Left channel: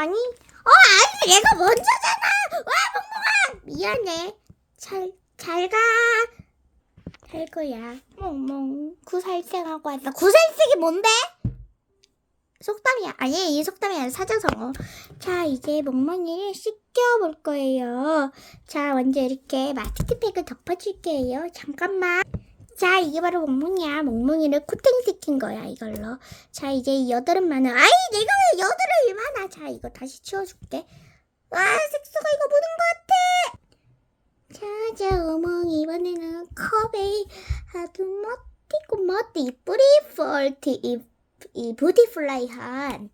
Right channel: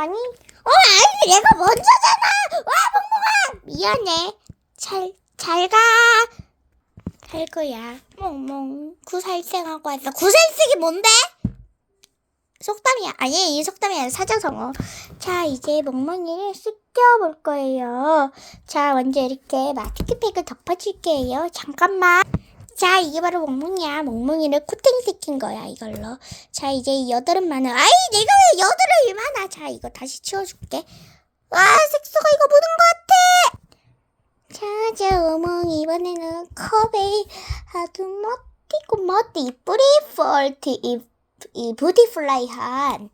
잠깐만이. 어, 아니, 내가 먼저잖아. 와, 멍멍아. 미안해. 잘, 잘 가. 갈 거야. 멍멍. 구살생하고 왔어. 구살생이 뭔데? 속담이야. 아니, 이 속담이 아니라 사자성어. 자, 이제 멍멍이를 씻겨볼 거예요. 자, 먼저 이렇게 마스크팩을 덮어줄게요. 잠깐만. 자, 이게 바로 멍멍이야. 멍멍이를 코팅 시킨 거야, 이걸로. 자, 이제 이 여드름 많아. 아이, 내가 왜 여드름이 많아? 자, 이거 다시 치워줄게. 와, 색소가 이거 묻은 것 같아. 자, 자, 어멍 이번에는 컵에 아주 멋지고 멋지 뿌리폴트 이, 이 부티플라이한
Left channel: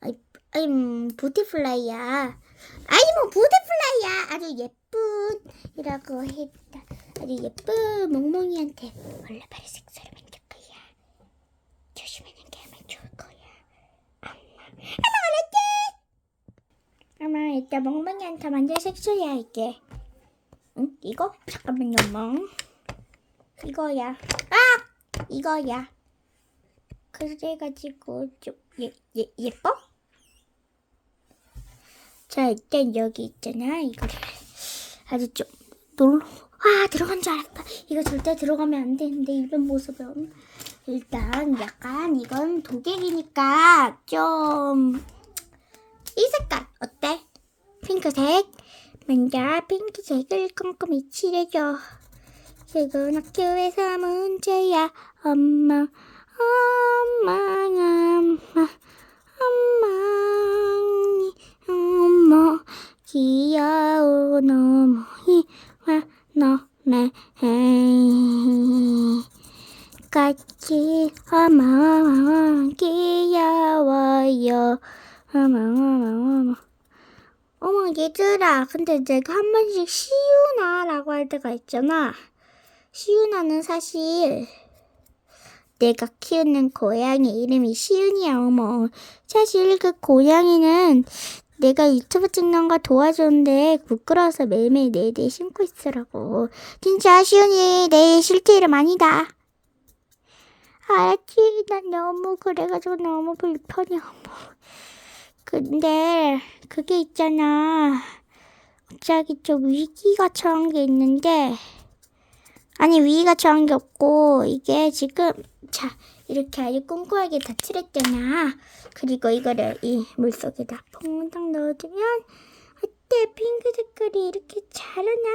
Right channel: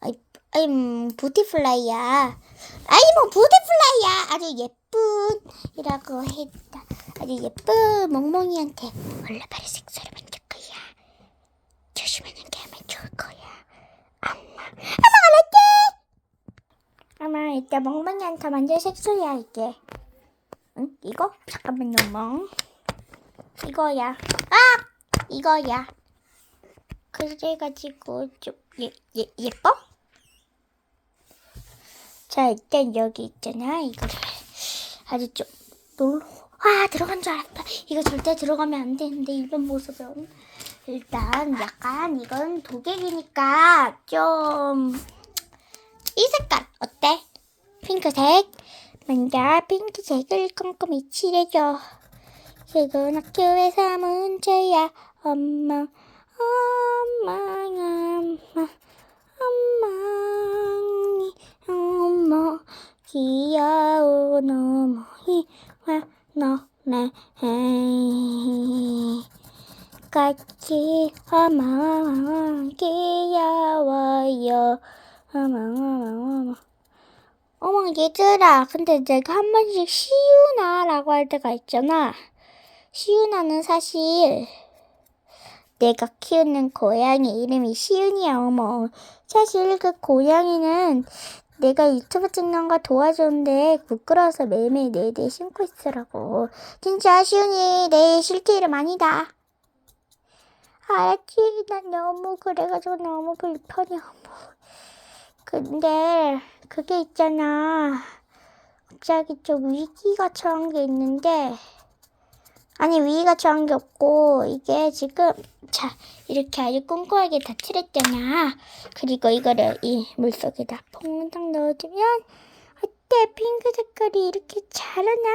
아이, 아이, 음, 부티플라이야. 아이, 뭐 부티플라이야. 아주 예쁜이라고 했다. 아주 예쁜 멍멍이한테 원래 색소를 만질 거야. 조심하는 게 하면 좋을 거야. 엄마, 엄마 알았지? 엄마 이따 멍멍이한테 만질 색소야 이게. 응? 이거? 잠깐만요, 멍. 이거야. 아! 이거야. 그래가지고 좀 예, 예, 예뻐? 자, 일단 여기 있잖아. 이거를 아주 좀 놀, 와, 들어간 줄 알았다. 이거 절대 들어가면 안 되는데, 이런 모습은. 일단 약간 이건 도객이니까 좀 이 색깔 어때? 핑크색. 먼저 핑크색을 꼼꼼히 칠해줘. 지금 학교에서 문제야. 엄마, 엄마, 엄마, 엄마니, 엄마, 귀 어머 얘들아 근데 내가 한 번씩 시우나라고 할 때가 있잖아. 시우나는 사실 내가 키우는 고양이 이름이 시윤이야 어머. 사실 그 고양이는 내가 유튜브 찍는 거 도와줬는데 부끄러워서 매일매일 내내 신고 있으라고. 진짜 시윤이 내 실제 이름 아니다. 알았지 난 너무 그래가지고 너무 불편해 어머 근데 그게 있잖아. 갑자기 좀 위기가 처한 게 있는데 아니 위기가 처한 게 없고 이게 지금 자 이렇게 아주 꼼꼼하게 다 칠했잖아. 그리고 이거를 이 물속에다 퐁당 넣어주면 어때 핑크 색깔이 이렇게 자라나.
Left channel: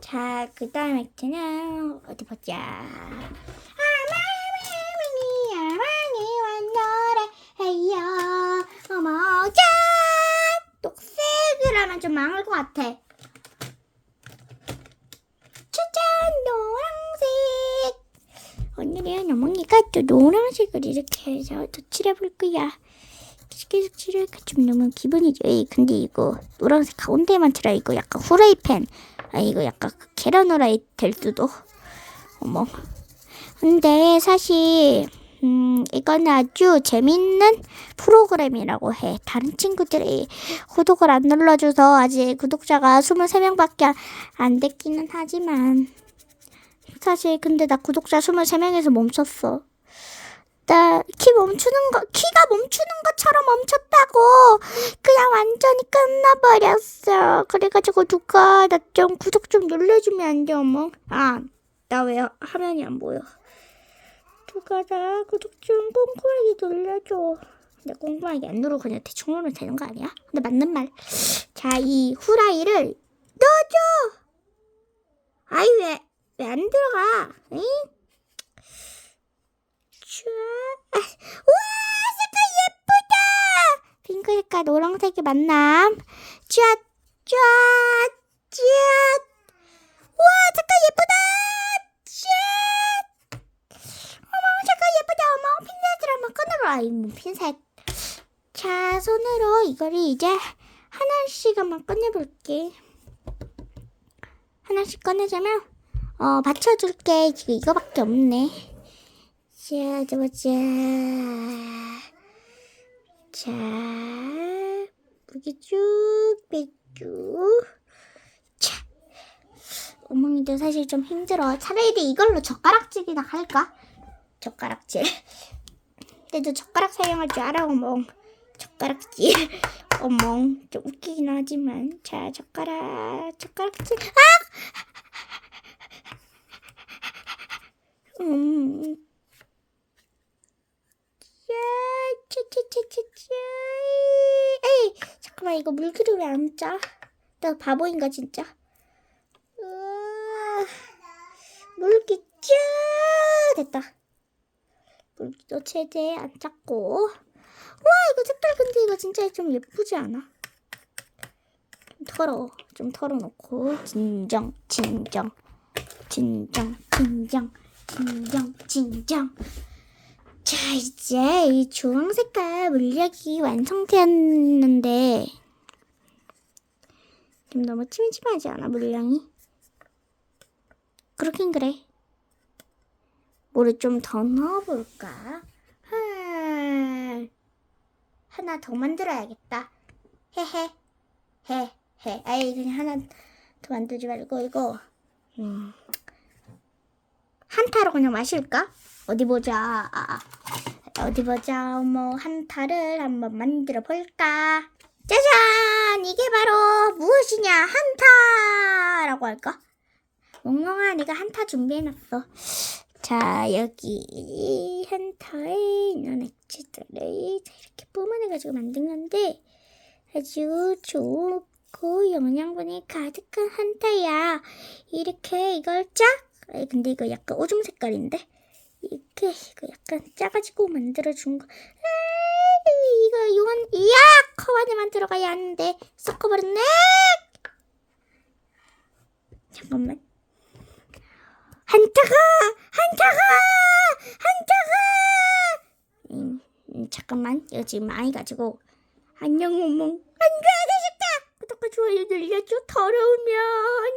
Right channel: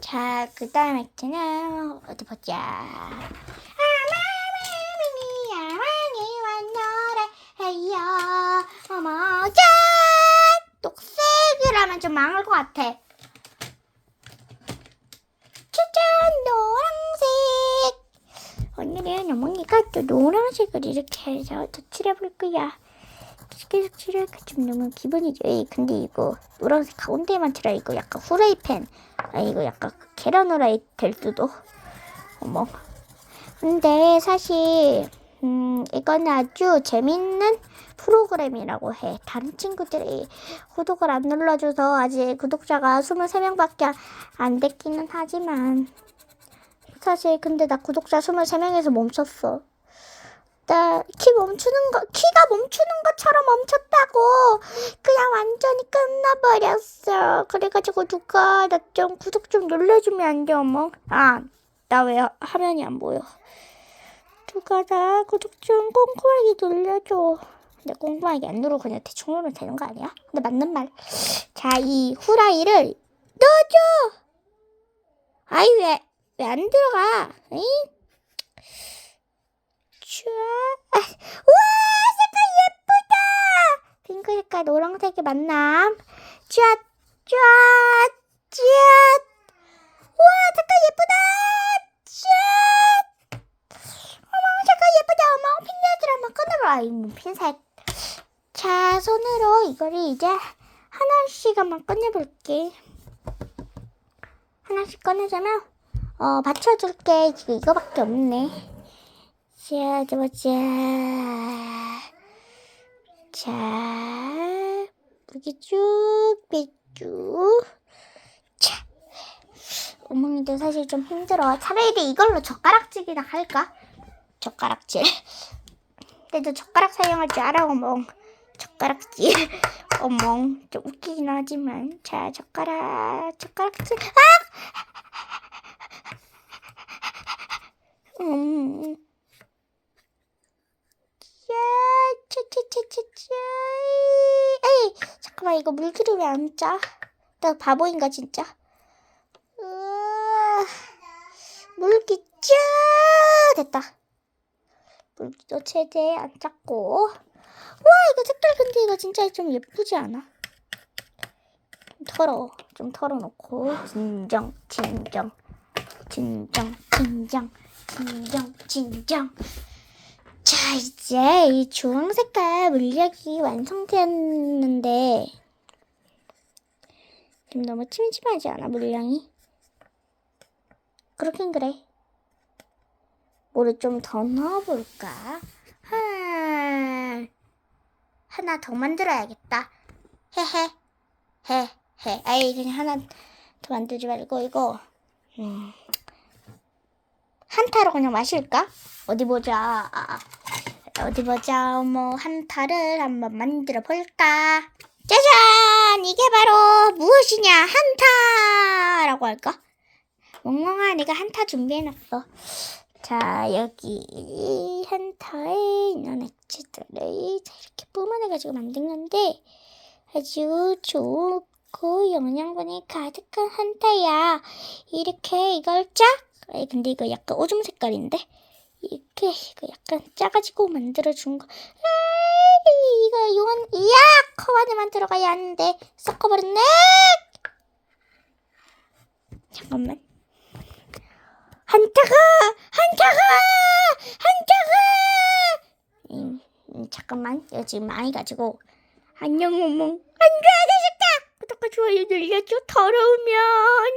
자 그 다음 있잖아 어디 보자. 어머, 짠! 녹색이라면 좀 망할 것 같아. 짜잔, 노란색. 오늘은 어머니가 또 노란색을 이렇게 해서 덧칠해 볼 거야. 계속 칠하니까 좀 너무 기분이 좋아. 근데 이거 노란색 가운데만 칠하 이거 약간 후라이팬. 아, 이거 약간 계란 후라이 될 수도. 어머. 근데 사실 음, 이건 아주 재밌는 프로그램이라고 해. 다른 친구들이 구독을 안 눌러줘서 아직 구독자가 23명밖에 안 됐기는 하지만 사실 근데 나 구독자 23명에서 멈췄어. 나 키 멈추는 거, 키가 멈추는 것처럼 멈췄다고 그냥 완전히 끝나버렸어. 그래가지고 누가 나 좀 구독 좀 눌러주면 안 돼, 어머? 아, 나 왜 화면이 안 보여? 나 구독 좀 꼼꼼하게 눌러줘. 근데 꼼꼼하게 안 누르고 그냥 대충 누르면 되는 거 아니야? 근데 맞는 말. 자, 이 후라이를 넣어줘. 아이 왜 왜 안 들어가? 에이? 촤. 아, 우와 색깔 예쁘다. 핑크 색깔 노란색이 만남. 촤, 촤, 촤. 우와 색깔 예쁘다. 촤. 어머 색깔 예쁘다 어머 핀셋을 이뭐 핀셋 자 손으로 이거를 이제 하나씩 한번 꺼내볼게. 하나씩 꺼내자면 어 받쳐줄게. 지금 이거밖에 없네. 자 잡아자. 자 이렇게 쭉 빼쭉 자 어머니도 사실 좀 힘들어. 차라리 이걸로 젓가락질이나 할까? 젓가락질. 너 젓가락 사용할 줄 알아, 어머. 젓가락질. 어멍, 좀 웃기긴 하지만. 자, 젓가락, 젓가락질. 아! 음. 야, 차차차차차. 에이, 잠깐만, 이거 물기를 왜 안 짜? 나 바보인가, 진짜? 으아, 물기 짜! 됐다. 물기도 최대한 짰고. 와, 이거 색깔 근데 이거 진짜 좀 예쁘지 않아? 좀 털어. 좀 털어놓고. 진정, 진정. 진정, 진정, 진정, 진정. 자, 이제 이 주황 색깔 물약이 완성되었는데 좀 너무 찜찜하지 않아, 물량이? 그렇긴 그래. 물을 좀 더 넣어볼까? 하... 하나 더 만들어야겠다. 헤헤, 헤, 헤. 아이, 그냥 하나 더 만들지 말고, 이거, 음, 한타로 그냥 마실까? 어디 보자. 어디 보자. 뭐 한타를 한번 만들어 볼까? 짜잔! 이게 바로 무엇이냐? 한타라고 할까? 멍멍아, 내가 한타 준비해놨어. 자, 여기 한타에 있는 액체들을 자, 이렇게 뿜어내가지고 만든 건데 아주 좋고 영양분이 가득한 한타야. 이렇게 이걸 쫙 근데 이거 약간 오줌 색깔인데? 이렇게 이거 약간 짜가지고 만들어준 거. 에이, 이거 이건 이야 컵 안에만 들어가야 하는데 섞어버렸네. 잠깐만. 한타가 한타가. 음, 음, 잠깐만 지금 많이 가지고 안녕 몽몽 안돼 되셨다. 구독과 좋아요 눌러줘 더러우면.